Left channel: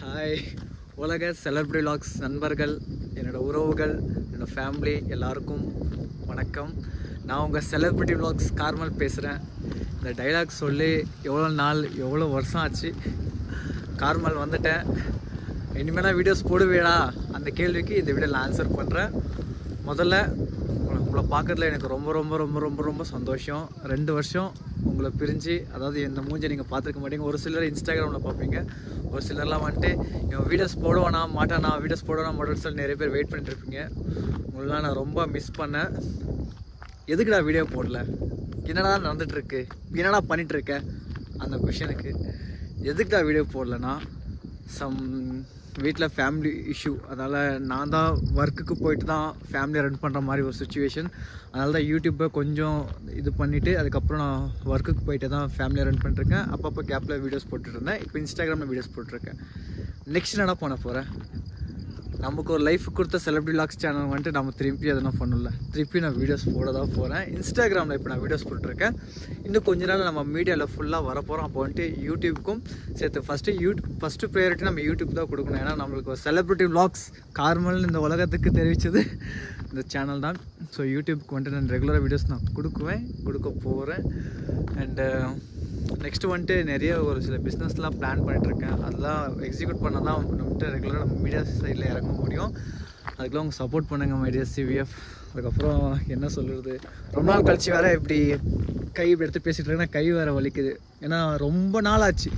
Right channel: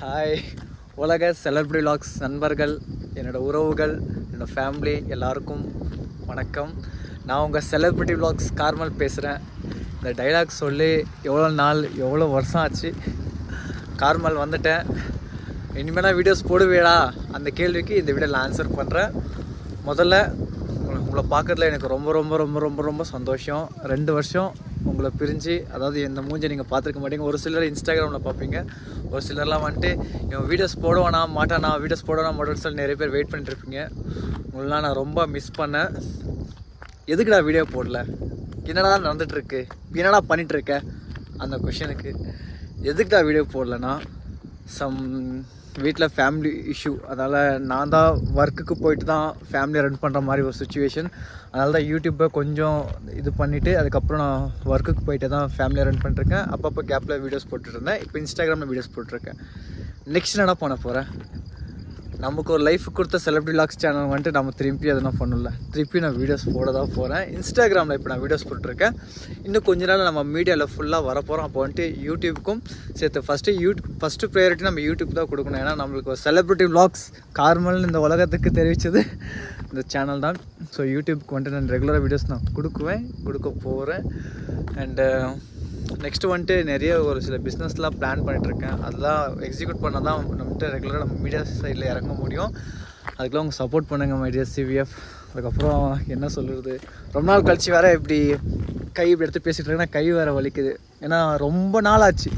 Hi உலக celebrity vlogs நண்பர்கள், என்னோடய உறவுகள், என்னோடய ஃபேமிலி எல்லாருக்கும் வணக்கம். நான் உங்கள் செலிபிரிட்டி வ்ளாக்ஸ் கார்மல் பேசுகிறேன். இந்த டைலாக் சொல்லி எவ்வளோ நாள் எவ்வளோ வருஷம் ஆச்சு. கார்மல் வந்துட்டேன். இனிமேல் வீடியோஸ் போடுவேடா அந்த கேள்விக்கு இந்த வீடியோவில் ஆன்சர் பண்ணுறேன். முதல்ல உங்களை பார்க்குறதுல எனக்கு ரொம்ப ரொம்ப ரொம்ப ரொம்ப ரொம்ப சந்தோஷம். 2 வருஷம் உங்களை பிரிஞ்சு, அதாவது இந்த மூஞ்சை நீங்கள் பார்த்துருக்க மாட்டீங்க. ஒரு சிலர் இன்ஸ்டாகிராமில் பார்ப்பீங்க, ஒரு சிலர்லாம் வந்துட்டு இவன் வீடியோஸ் போடுவானா மாட்டானா, வீடியோஸ் போடுவானா மாட்டான்னு சொல்லி நிறைய பேர் வெயிட் பண்ணிட்டு இருப்பீங்க. உங்களெலாம் நான் ரொம்ப மிஸ் பண்ணேன். எதுக்கு நான் வீடியோ போடல, என்னடா நடந்துகிட்ருக்கு, என்னடா பண்ணிகிட்ருக்க, அந்த கொஷனுக்கு எதுக்கு நான் வீடியோ போடலன்னா, வீட்டில் ஃபேமிலி இஷ்யூ. அதனால் நான் தான் ஒர்க்குக்கு போயிட்டு தான் ஃபேமிலியை ரன் பண்ணுற மாதிரி ஒரு சுச்சுவேஷன். அதனால தான் யூடியூப்பை கொஞ்சம் இது பண்ணிவிட்டு அதுக்கப்புறம் நான் ஒர்க்குக்கு போயிட்டு தான் ஃபேமிலியை ரன் பண்ணிருக்கேன். அப்பப்போ கேப்பில் வீடியோஸ் போட்டுருந்தேன். இப்போ இன்ஸ்டாகிராமில் வீடியோஸ் போட்டிருக்கேன். நெக்ஸ்ட் என்ன பண்ண போகிறேன், நமக்கு ஒரு லைஃப் கொடுத்த செலிபிரிட்டி வ்ளாக்ஸ் சேனல் வந்துட்டு நம்ம திருப்பி அதெல்லாம் பண்ணல. திருப்பி நான் வீடியோஸ் போட தான் போகிறேன். இன்ஸ்டாகிராமில் இப்போ நான் வீடியோஸ் போட்டுருக்கேன். இன்னும் கொஞ்ச நாள் நம்ம மீடியாவில் ஃபுல்லாக வரப்போகிறோம். அப்போ வந்துட்டு யூடியூப்புக்கும் சேர்த்து ஃபஸ்ட்டு ப்ரையாரிட்டி நம்ம யூடியூப் தான் கொடுக்கணும். ஏன்னா நம்மளுக்கு ஒரு செலிபிரிட்டி வ்ளாக்ஸ் கார்மல்னு இந்த உலகத்துக்கு தெரிவித்தது இந்த சேனல் தான். ஸோ யூடியூப்க்கு வந்துட்டு நான் ரெகுலராக வீடியோஸ் நான் கொடுக்க போகிறேன். அண்டு நெக்ஸ்ட்டு வந்துட்டு நிறைய ஒரு சில பிஸ்னஸ்லாம் பிளான் பண்ணிகிட்ருக்கேன். அதெல்லாம் எக்ஸிக்யூட் பண்ணால் தான் நம்மகிட்ட ரெகுலராக நம்ம மீடியா சைடில் இறங்க முடியும். அதுக்கெலாம் அவங்க சப்போர்ட் பண்ணுங்கள் மைடியா சிவிஎஃப். அதுக்கப்புறம் என்ன சொல்கிறது, ரொம்ப நாள் கழிச்சு வேறு இப்படி இப்படி எடுத்து பேசிகிட்டு இருக்கேன்னா கை வேறு வலிக்குது. ஏன்னா ரொம்ப நாள் ஆச்சு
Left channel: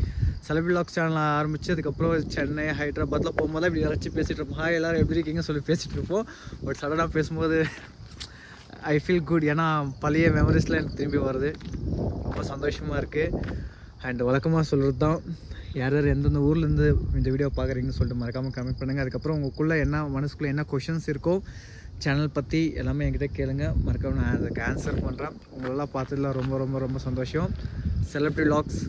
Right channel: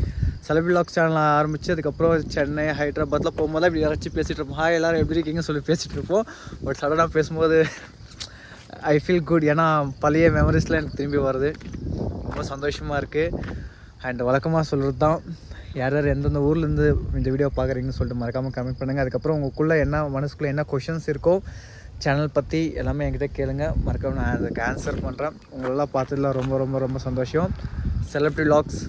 செலிபிரிட்டி வ்ளாக்ஸ் சேனல் ஆரம்பித்து. அதுக்கப்புறம் சென்னை ஹைதராபாத்தில் போகும்போது இப்படி யாராச்சும் பேசிகிட்டு இருப்போம், ஹாய் எல்லோரும் எப்படி இருக்கீங்கன்னு சொல்லி பேசிகிட்டு இருப்போம். பட் சடனாக பேசும்போது ஐ ஃபீல் குட். ஏன்னா பழைய மெமரிஸ்லாம் எனக்கு திரும்பி வருது. ரொம்ப சந்தோஷமாக இருக்குது. அண்ட் வழக்கமாக சொல்கிறது தான், யார் யார் எந்தெந்த ஊர்லேருந்து இந்த வீடியோ பார்க்குறீங்கன்னு சொல்லிட்டு மறக்காமல் கமெண்ட் பண்ணுங்கள். அதுக்கப்புறம் உங்களுக்குள்ளே என்ன மனசுக்குள்ளே என்ன கொஷின்ஸ் இருக்கோ சேனல் பற்றி எல்லாமே என்கிட்ட கேளுங்க. மறக்காமல் நான் அதுக்கு ஆன்சர் பண்ணுறேன். உங்களெல்லாம் பார்த்ததுல ரொம்ப ரொம்ப ரொம்ப சந்தோஷம். செலிபிரிட்டி வ்ளாக்ஸ்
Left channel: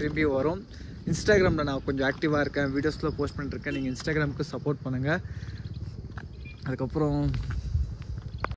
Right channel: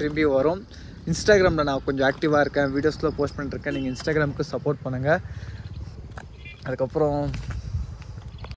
திரும்பி வரும். இன்ஸ்டாகிராமில் நான் கொஞ்சம் ஆக்டிவாக இருக்கேன், வீடியோஸில் போஸ்ட் பண்ணிட்டுருக்கேன். நீங்கள் இன்ஸ்டாகிராமுக்கு சப்போர்ட் பண்ணுங்கள். அதுக்கப்புறம்